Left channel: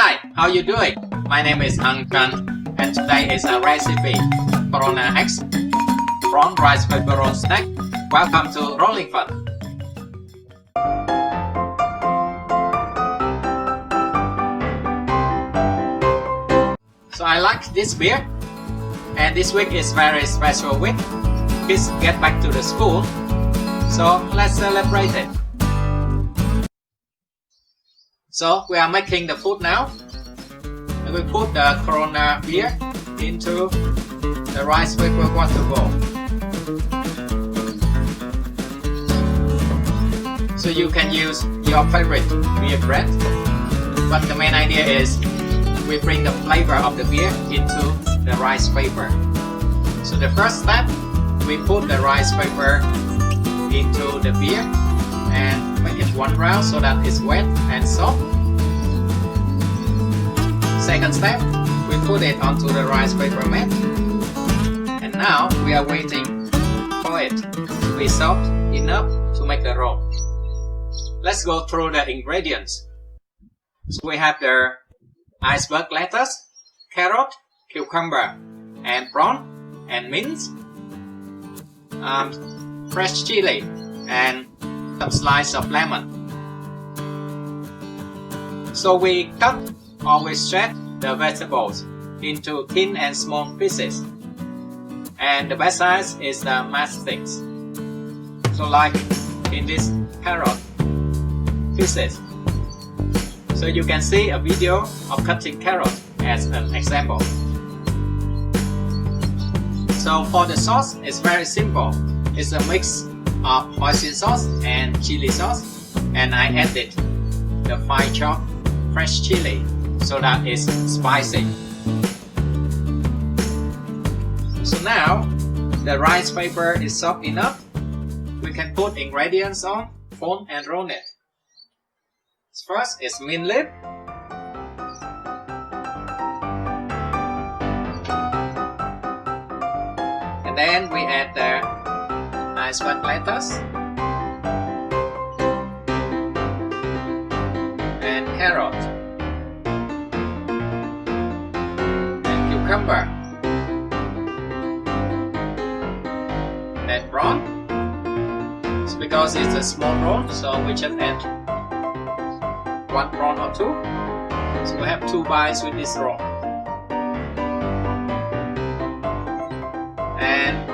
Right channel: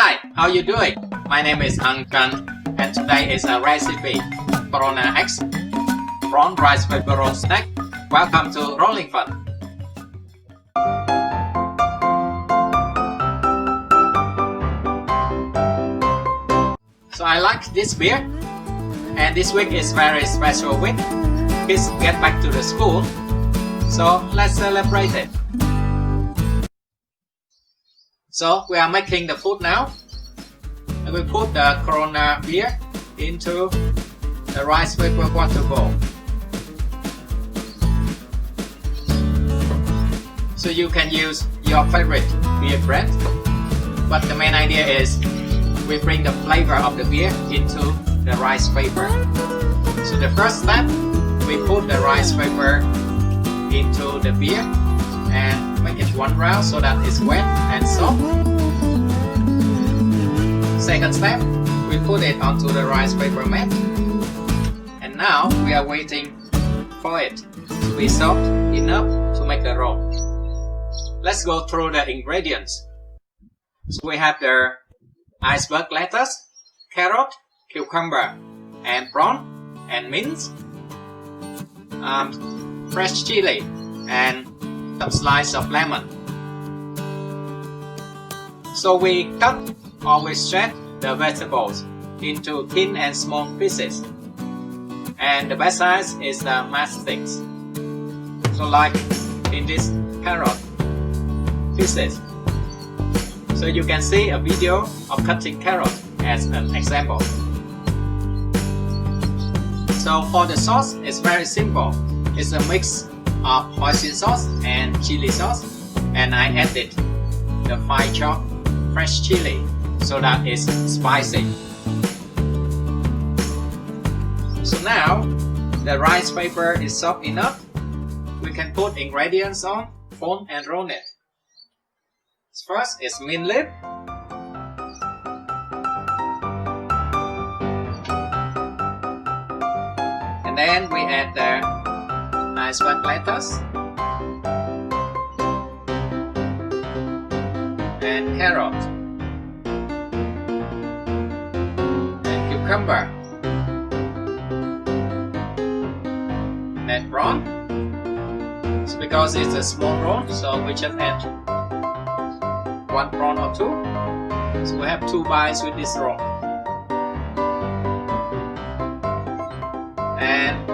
Hi, how you doing? My name is Untitled, and today is a recipe prawn X prawn rice paper roll snack. Welcome to Rolling Fun. So I like this beer, and this week is very special week. Kids get back to the school, so let's celebrate it. So we are making the food now. We put the Corona beer into the rice paper water bowl. So you can use your favorite beer brand, but the main idea is we bring the flavor of the beer into the rice paper. So the first step, we put the rice paper into the beer and make it one round so that it's wet and soft. Second step, we put it onto the rice paper mat. And now we are waiting for it to be soft enough to make the roll. Let's go through the ingredients. So we have the iceberg lettuce, carrot, cucumber, and prawn, and mint, fresh chili, and some slice of lemon. So we cut or we shred the vegetables into thin and small pieces, and the best size is the matchsticks. So like in this carrot pieces. So you can see a video of cutting carrot as an example. So for the sauce, it's very simple. It's a mix of hoisin sauce and chili sauce, and I added the fine chopped fresh chili so that it's spicy. So now the rice paper is soft enough. We can put ingredients on, fold and roll it. First is mint leaf, and then we add the iceberg lettuce and carrot and cucumber and prawn. So because it's a small roll, so we just add one prawn or two. So we have 2 bites with this roll. And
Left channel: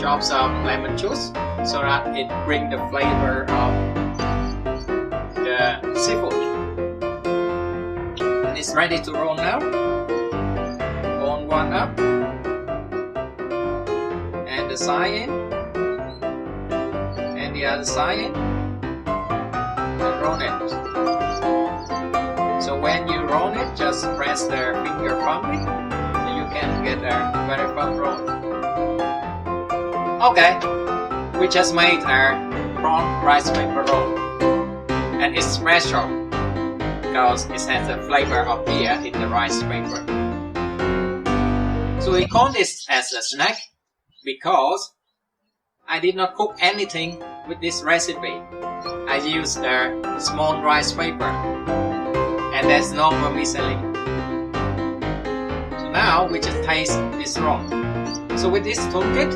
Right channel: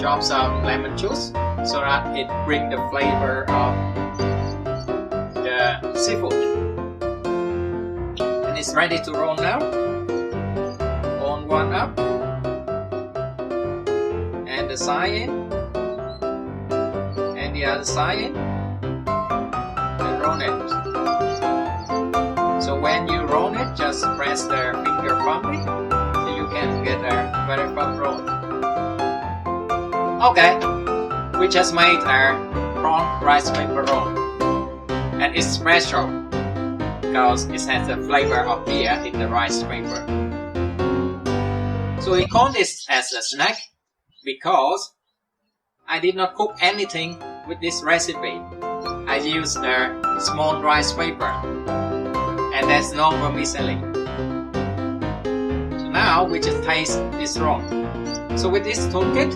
drops of lemon juice so that it brings the flavor of the seafood. And it's ready to roll now. Fold one up. And the side in. And the other side in. And roll it. So when you roll it, just press the finger firmly so you can get a very firm roll. Okay, we just made our prawn rice paper roll. And it's special because it has the flavor of beer in the rice paper. So I call this as a snack because I did not cook anything with this recipe. I used a small rice paper. And that's no vermicelli. So now we just taste this one. So with this toolkit,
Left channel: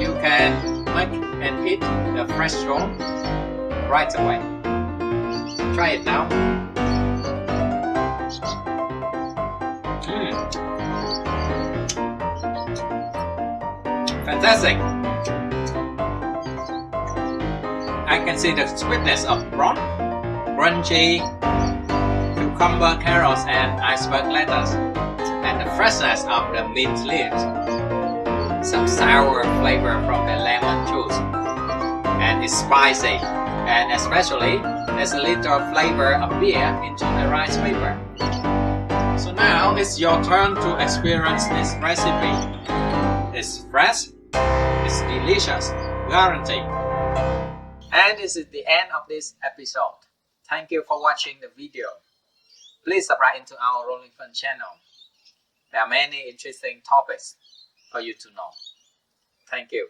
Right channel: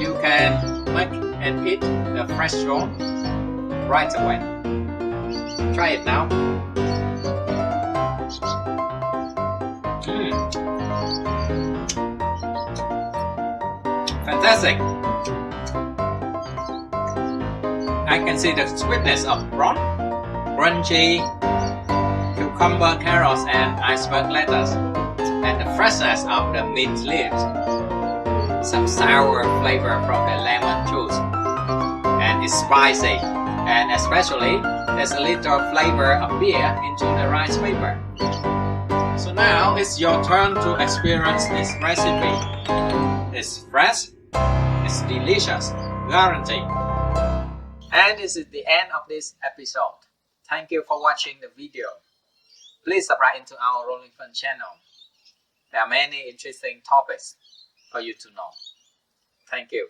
you can make and eat the fresh roll right away. Try it now. Fantastic! I can see the sweetness of the crunchy cucumber, carrots, and iceberg lettuce, and the freshness of the mint leaves, some sour flavor from the lemon juice, and it's spicy, and especially there's a little flavor of beer into the rice paper. So now it's your turn to experience this recipe. It's fresh, it's delicious, guaranteed. And this is the end of this episode. Thank you for watching the video. Please subscribe to our Rolling Fun channel. There are many interesting topics for you to know. Thank you.